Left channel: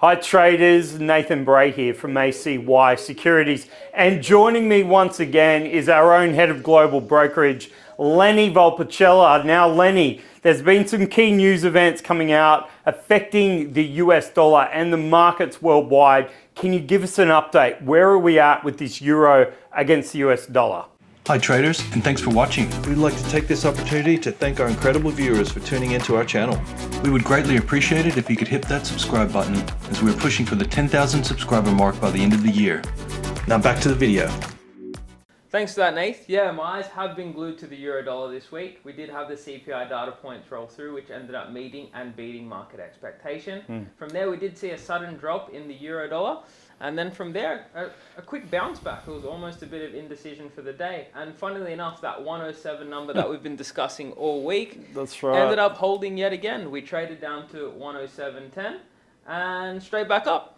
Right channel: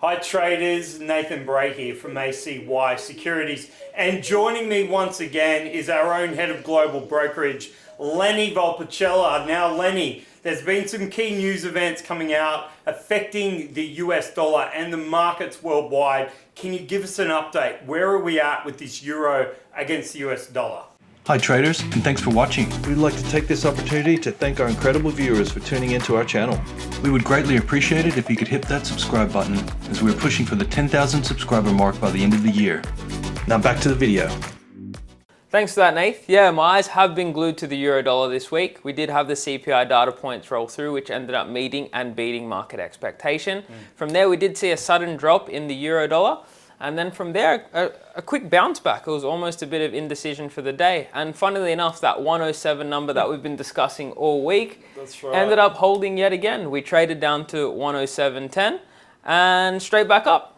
Hi traders, Nathan Bray here from ACY Securities, and joining me once again is our own head of global brokerage, Lenny Valpicella. Now Lenny, there's been some key news events coming out affecting the US dollar and the markets worldwide. Can you give us an update? Where are we at with this euro against the US dollar? Hi traders, and thanks for watching. We'd like to take this opportunity to thank our incredible viewers for tuning into our channel. We would greatly appreciate it if you could hit that subscribe button, as we're pushing for the 10,000 subscriber mark by the end of the year. Now back to the video. Thanks for that, Nath. Yeah, my eyes have been glued to the euro dollar this week. We did have the CPI data points roll through, which ended up meeting and beating market expectation. From there, we did see a sudden drop in the euro dollar. And then from there, a quick bounce back. It was almost a bit of indecision for the day. And funnily enough, that 107 number that we've been discussing all week ended up holding yet again. We traded down to 107.10 and straight back up.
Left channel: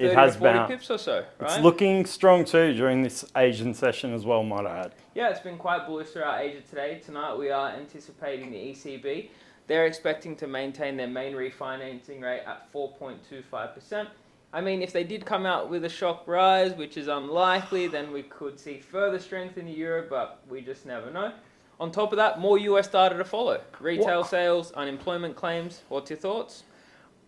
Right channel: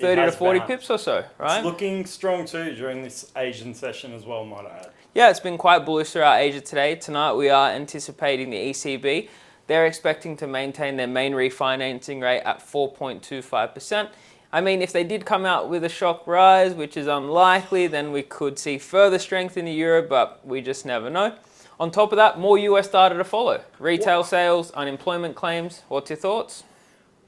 30 to 40 pips or so, right? It's looking strong too during this Asian session as well, might I add. Yeah, it's been quite bullish throughout Asia today. Tonight we are anticipating the ECB. They're expecting to maintain their main refinancing rate at 4.25%. I mean, if they did come out with a shock rise, which is unlikely, then we could see further strength in the euro, but we just never know. On top of that, more US data to follow. Retail sales, unemployment claims. What's your thoughts?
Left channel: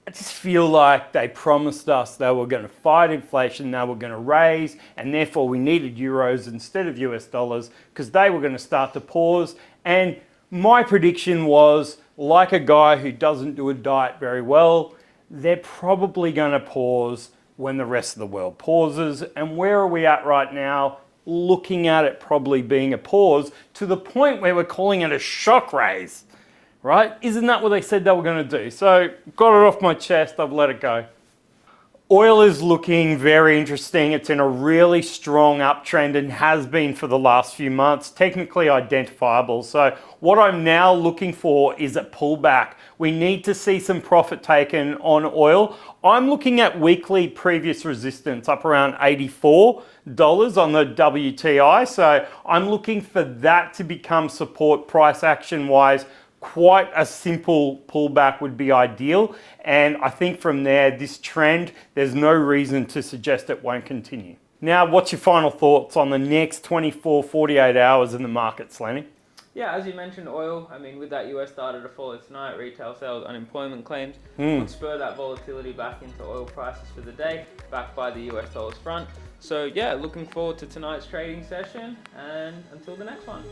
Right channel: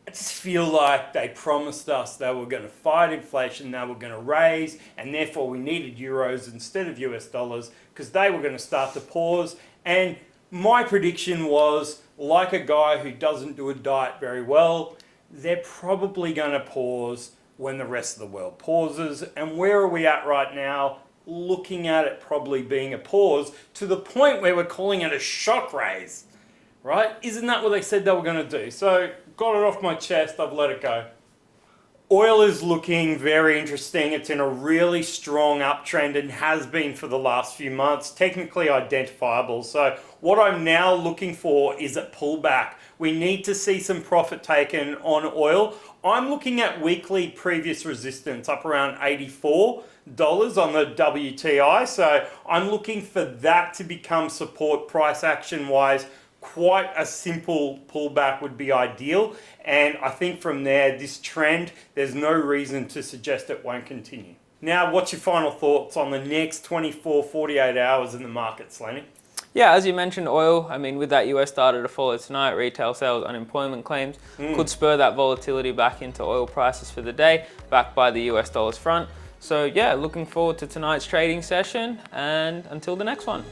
I just feel like they promised us they were going to fight inflation, they were going to raise, and therefore we needed euros instead of US dollars because they were going to start to pause. And my prediction was, like a guy who doesn't do a diet very well, they're probably going to pause when the rest of the world pauses. And where are we at right now? Looking at it probably being a pause to the point where we're calling it a shock raise, right? Isn't that what they said they were going to do? So got it off my chest, I've let it go. Oil is looking very interesting. It's in a really strong uptrend and has been for the last few months, technically identifiable. So what I'm now looking for is a pullback. We need to see some profit taken on oil. I'm looking at weekly previous resistance up around $84 on the WTI. So I'm looking for that to become support price action wise. Quite a simple pullback would be ideal. And I think from there, this trend, there's no reason to suggest it won't continue. Now, what's your final thoughts on the next 24, 48 hours in the markets, Lenny? Yeah, as you mentioned, oil, I mean, with that US data to follow tonight, retail sales, unemployment claims could spur that volatility back into oil prices for the day, backed by the US dollar's front. So yeah, looking forward to tonight's trading session, and until the next one.